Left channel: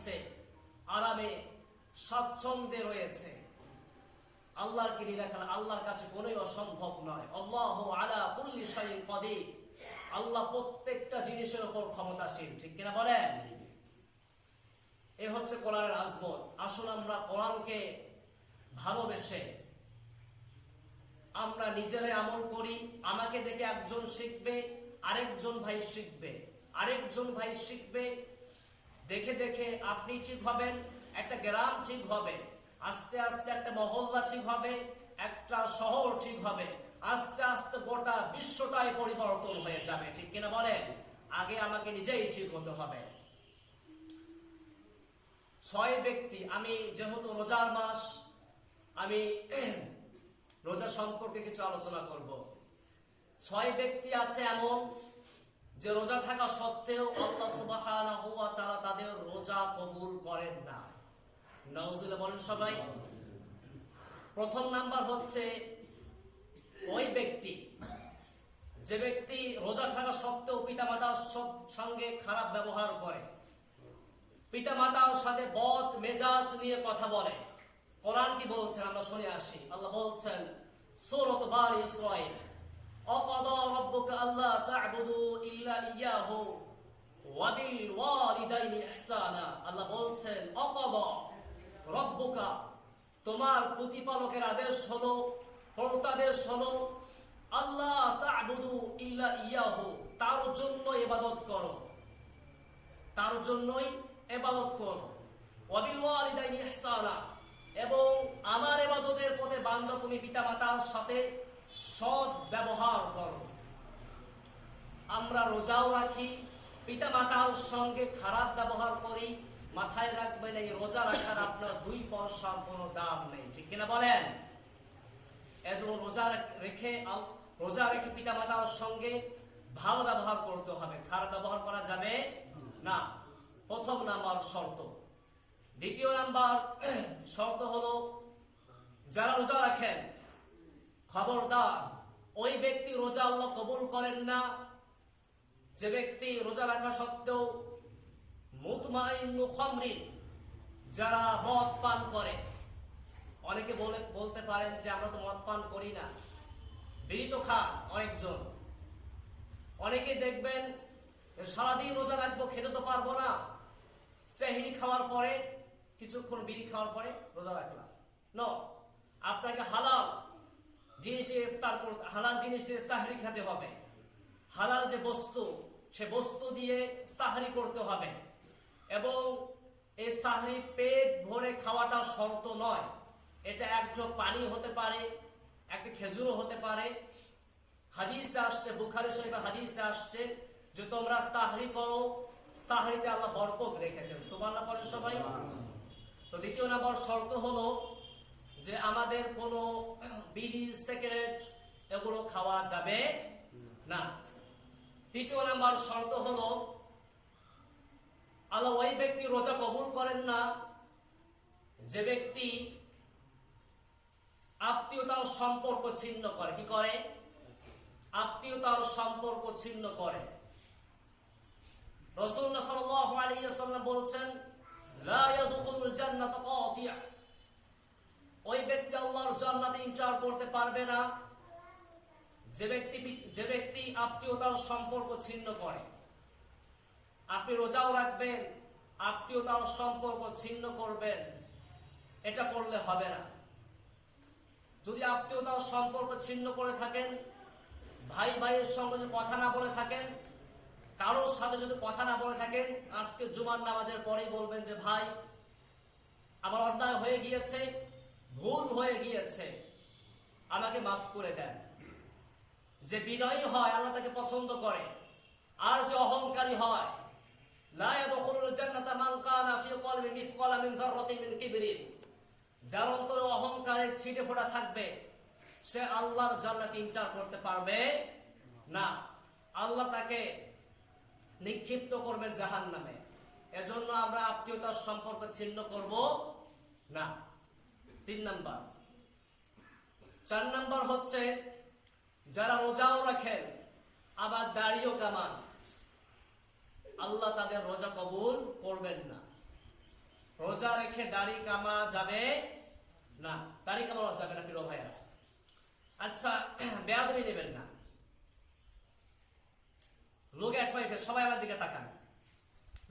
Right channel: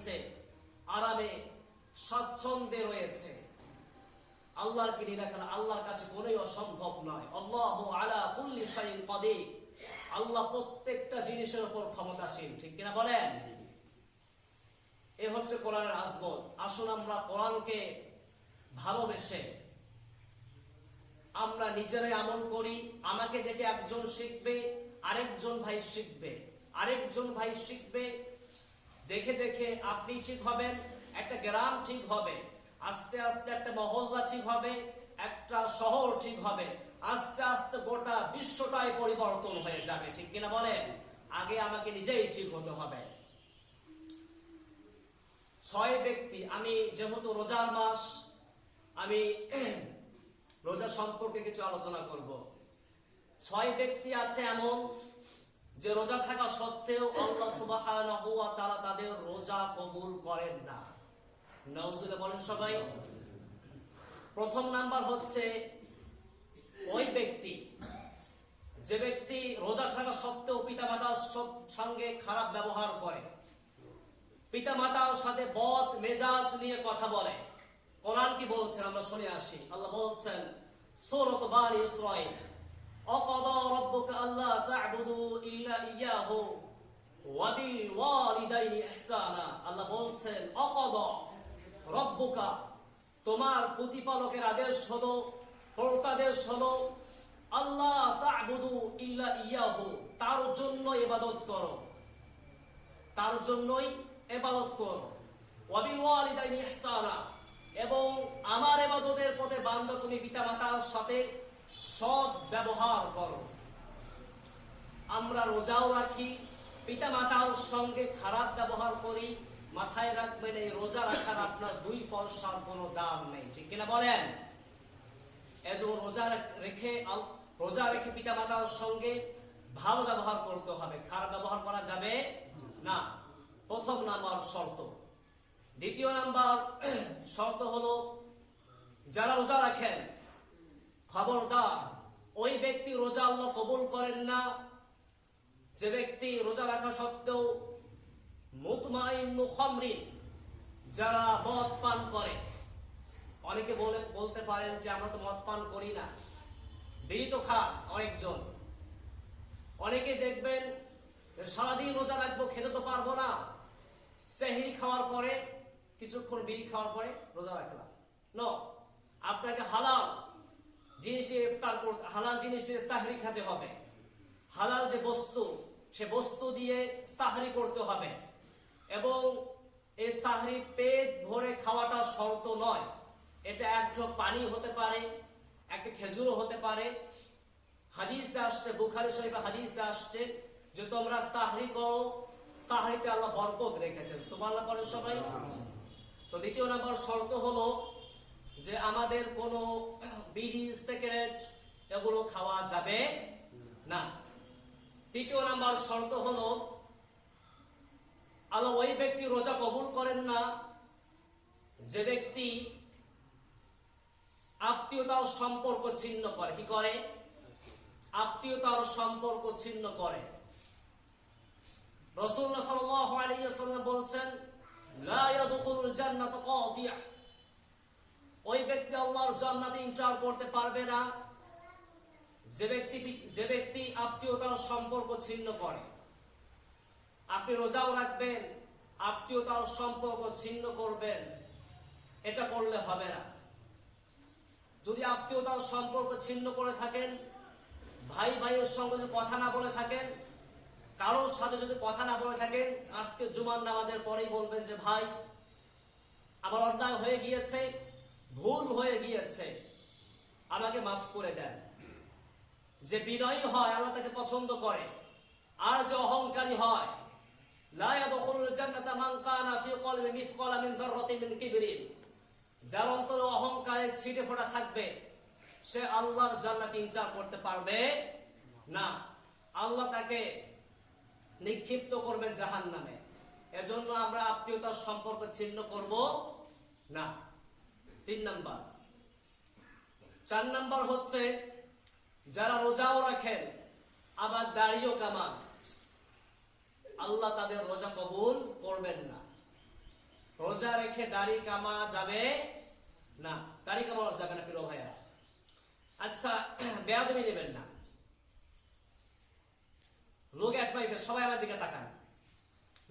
দিচ্ছে, আরামে স্বাচ্ছন্দ্যে রয়েছে। আল্লাহর কি নিরাখা আল্লাহর কাছে কোনোই অসম্ভব নয়। আল্লাহু আলা কুল্লি শাইইন কাদির, আল্লাহ প্রত্যেকটা জিনিসের উপর ক্ষমতাশীল, ঠিক কিনা বলেন? এ হচ্ছে কোরআনের আজমত। আসুন আমরা কোরআনকে ভালোবেসে আমরা নিজেরাই আমল করি। আমাকে দেখে একজন শিখবে, আরেকজন ভাই শিখবে, আরেকজন ভাই শিখবে। দেখে দেখে আপনি ঠিক হবেন, একটা গ্রাম ঠিক হবে, আস্তে আস্তে একটা মহল্লা ঠিক হবে, একটা শহর ঠিক হবে, আস্তে আস্তে গোটা বিশ্বটাই পরিবর্তন হয়ে যাবে, ঠিক কিনা বলেন? আগে আমাকে নিজেই ঠিক হতে হবে। 6 ব্যক্তি, আমি যেহেতু রোজার মাস, আমি রোজা সম্পর্কে কিছু আলোচনা করব। 6 ব্যক্তি আছে এমন যে রোজা থাকা সত্ত্বেও আল্লাহ সুবহানাহু ওয়া তাআলা তাদের রোজা কবুল করেন না। নাউজুবিল্লাহ বলেন সবাই। প্রথম নাম্বার হচ্ছে ওই ব্যক্তি, যে ব্যক্তি রোজা থাকা সত্ত্বেও পিতামাতার সঙ্গে খারাপ ব্যবহার করে, পিতামাতার সাথে বদ মেজাজ নিয়ে কথা বলে। কোরআন কি বলছেন আমরা শুনে আসি। আল্লাহ বলছেন সূরাত বানি ইসরাঈল, আকাদা রাব্বুকা আল্লা তা'বুদু ইল্লা ইয়াহু ওয়া বিল ওয়ালিদাইনি ইহসানা। আল্লাহ বলছেন আকাদা রাব্বুকা, তোমার প্রতিপালকের আদেশ হলো, প্রত্যাদেশ হলো, আল্লাহ তা'বুদু ইল্লা ইয়াহু, তার জন্য ইবাদত করো, তার জন্যই ইবাদত করো। ওয়া বিল ওয়ালিদাইনি ইহসানা, এবং আমার ইবাদতের পথে বান্দা তুমি পিতামাতার সাথে সৎ ব্যবহার করো। আমরা রোজাও রাখি, পিতামাতার সঙ্গে খারাপ ব্যবহার করি। মাথায় রাখবেন, এই রোজা রাখার আপনার 2 পয়সার কোনো দাম নেই, ঠিক কিনা বলেন? এজন্য রোজা রেখে পিতামাতার সঙ্গে ভালো ব্যবহার করতে হবে, খারাপ ব্যবহার করা যাবে না। প্রথম নাম্বার শর্ত। দ্বিতীয় নাম্বার শর্ত হলো, যারা রোজা রাখেন খবরদার, ওই ব্যক্তি রোজা আল্লাহ কবুল করেন না যে ব্যক্তি রোজা রাখা সত্ত্বেও মুতমাইন্নু খামরিন, যারা মদ পান করে। অনেকে বলতে পারেন যে আমরা তো মদ পান করি না, বিড়ি তো খান অনেকজন। অনেকে দেখবেন সারাদিন রোজা রাখবো, খেতে তো পারবো না, সেহরি খাওয়ার পরে কিছুক্ষণ বিড়ি খাওয়ার পরে রোজা রাখলাম। নো, আপনাকে হালাল জিনিস দিয়ে ইফতার করতে, হালাল জিনিস দিয়ে সাহরি খেতে হবে। হালাল যে বস্তু, সে বস্তু দিয়ে সাহরি করতে হবে। এবং এই সাহরি পেট ভরে খাওয়াটা শর্ত নয়। এটা এক ঢোক পানি হতে পারে, একটা খেজুরও হতে পারে। হাদিসে আসছে, বুখারী শরীফে হাদিসে আসছে যে তোমরা সাহরি করো, সাহরিতে আল্লাহ বরকত রেখেছেন। সুবহানাল্লাহ বলেন সবাই। তো দ্বিতীয় নাম্বার শর্ত হলো যে আমাদের কোনো বিড়ি, সিগারেট এগুলো খাওয়া যাবে না। তৃতীয় নাম্বার শর্ত হলো, আল্লাহ ওই ব্যক্তি রোজা কবুল করেন না যে ব্যক্তি আত্মীয়তার সম্পর্ক ছিন্ন করে। কি করে? আত্মীয়তার সম্পর্ক ছিন্ন করে। রাসূলুল্লাহ সাল্লাল্লাহু আলাইহি ওয়াসাল্লাম বলছেন, লা ইয়াদখুলুল জান্নাতা কাতিয়া, ওই ব্যক্তি আল্লাহর জান্নাতে এন্টার করতে পারবে না যে ব্যক্তি আত্মীয়তার সম্পর্ক ছিন্ন করে। আপনি রোজাও রাখবেন, আত্মীয়তার সম্পর্ক ছিন্ন করবেন, এটা করলে হবে না। যদি আত্মীয়তার সম্পর্ক ছিন্ন করে থাকেন, ভাই ভাইয়ের সঙ্গে যদি কথা না বলে থাকেন, কারোর সাথে যদি কথা না বলে থাকেন, আজকে জুমার নামাজের পরেই বলবেন যে ভাই আমার অন্যায় হয়ে গিয়েছে, ভুল হয়ে গিয়েছে, আমাকে মাফ করে দেন। যে বিনয়ী হয় আল্লাহ তাকে পছন্দ করে। আর যে অহংকারী হয়, লা ইয়াদখুলুল জান্নাতা মান কানা ফি কলবি মিসকালা মিন যাররাতিন মিন কিবরিন, যার অন্তরে অহংকারের ছিটে ফোঁটা থাকবে, সে আল্লাহর জান্নাতে এন্টার করতে পারবে না। আল্লাহ তাকে নিক্ষিপ্ত করবেন জাহান্নামে। এজন্য আমরা আত্মীয়তার সম্পর্ক ছিন্ন করব না। 3 নাম্বার। 4 নাম্বার হচ্ছে যারা রোজাও রাখেন আবার দাড়িও কামান, আল্লাহ তাদের রোজা কবুল করবেন না। রোজা রেখে দাড়ি কামা যাবে না, দাড়ি কামানো যাবে না প্রিয় ভাইয়া। আচ্ছা, বেয়াদবি নেবেন না। লোক এক পাইবে, সবাই আমার দিকে তাকান।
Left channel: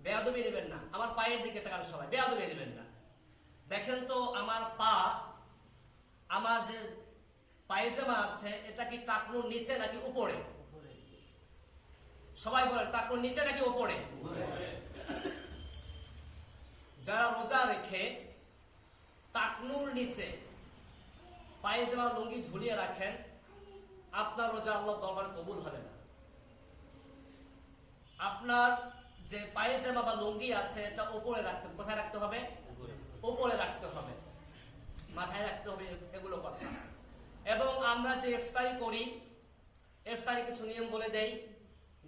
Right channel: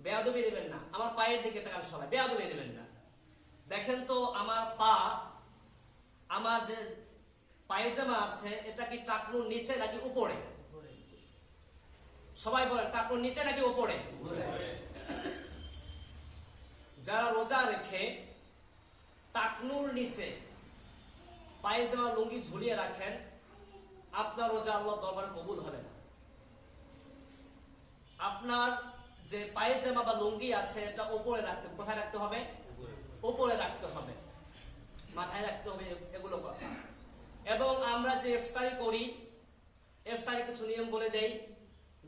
বেয়াদবি নেবেন না, আমার পায়ের দিকে তাকান সবাই, বেয়াদবি নেবেন না। দেখেন তো আমার পা, আমার যে পায়জামা আছে এটা কি টাকনুর নিচে নাকি উপরে? সবাই বলেন টাকনুর নিচে নাকি উপরে? যারা রোজা রেখে টাকনুর নিচে পায়জামা লুঙ্গি ঝুলিয়ে রাখেন, আপনার রোজা আল্লাহর দরবারে কবুল হবে না। আপনার যে পায়জামা বা লুঙ্গি আছে এটা উপরে রাখতে, কোথায় রাখতে হবে? উপরে রাখতে হবে, মাথায় রাখতে হবে, এগুলো কথা। এবং আমরা যে ইফতারি করি, ইফতারি কিছু নিয়ম বলে দেই,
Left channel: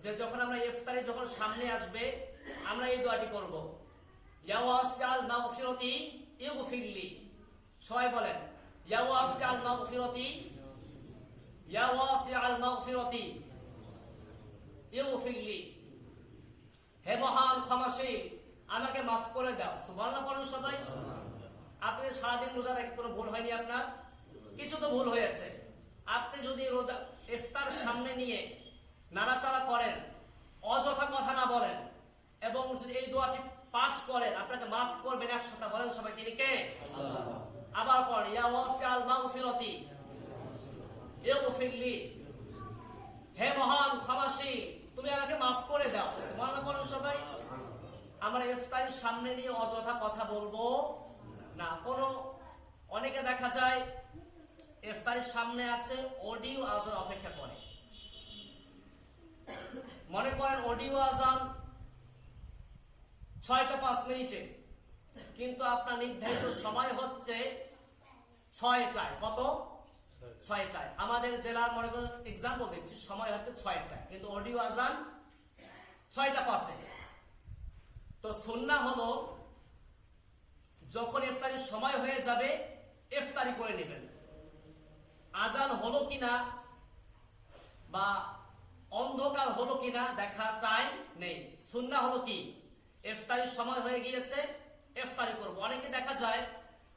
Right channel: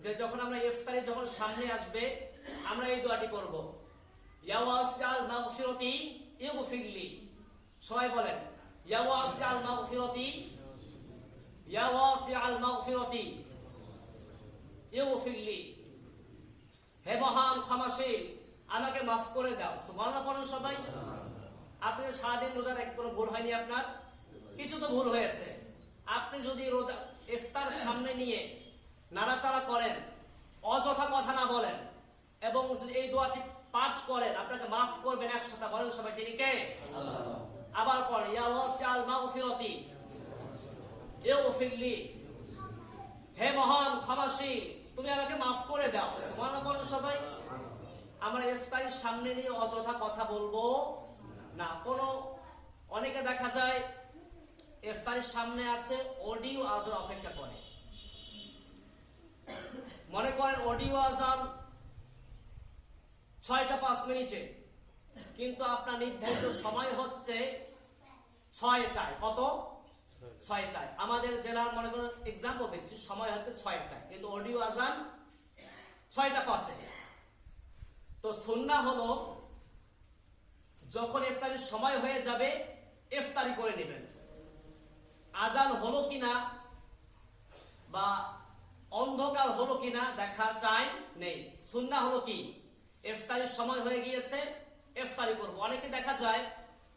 যে যখন আমরা ইফতারি যখন সামনে আসবে আমরা এই দোয়াটি করব, ইয়া ওয়াসিআল মাগফিরাতি ইগফিরলি। সবাই বলেন ইয়া ওয়াসিআল মাগফিরাতি, ইয়া ওয়াসিআল মাগফিরাতি ইগফিরলি। হে মহান ক্ষমাশীল, আমাকে মাফ করে দাও। সুবহানাল্লাহ পড়ুন সবাই। আপনি সারাদিন রোজা রেখে কোনো ভুল হয়নি আপনার? কিছু তো ভুল হয়েছে। আপনি যদি রোজা ইফতার সামনে নিয়ে নাড়াচাড়া করেন, অযথা কথা না বলেন এবং যদি এই দোয়াটি পাঠ করেন, আপনাকে মাফ করবেন 100টা। বলেন সবাই, তিনি কে? আবার পড়েন ইয়া ওয়াসিআল মাগফিরাতি ইগফিরলি। হে মহান ক্ষমাশীল, তুমি আমাকে মাফ করে দাও। সুবহানাল্লাহ পড়ুন সবাই। আমরা ইফতারির সামনে নিয়ে অযথা কথা বলবো না। অনেকে দেখা যায় ইফতারির সামনে আছে, অডিও আজান অপেক্ষা করে। মনে করেন অডিও আজান 6টা 5 মিনিটে, কিন্তু আপনার নির্ধারিত সময় হচ্ছে 6টায়। কত? 6টায়। আমাদের জেলার মনে করেন এক্সাম্পল দিচ্ছি, সময় হচ্ছে 6টায়, কিন্তু অডিও আজান 6টা 5-এ। তো সুন্নাহ হলো যখন ইফতারির সময় হয়ে যাবে ইফতারি করে নেবেন। আজান হলো কিনা বা অন্ধকার হলো কিনা দেখার টাইম নেই। সুন্নাহ হলো কি, ইফতারির সময় হয়ে গিয়েছে ইফতারি করব। অনেকে দেখা যায়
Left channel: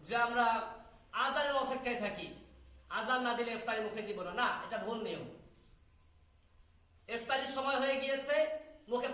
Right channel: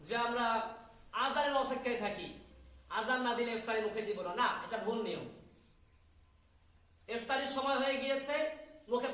যে আমরা আজানের অপেক্ষায় থাকি, আজান না দিলে ইফতারি মুখে দিব না। না, এটা ভুল নিয়ম। ইফতারির সময় হয়ে গিয়েছে, মুখে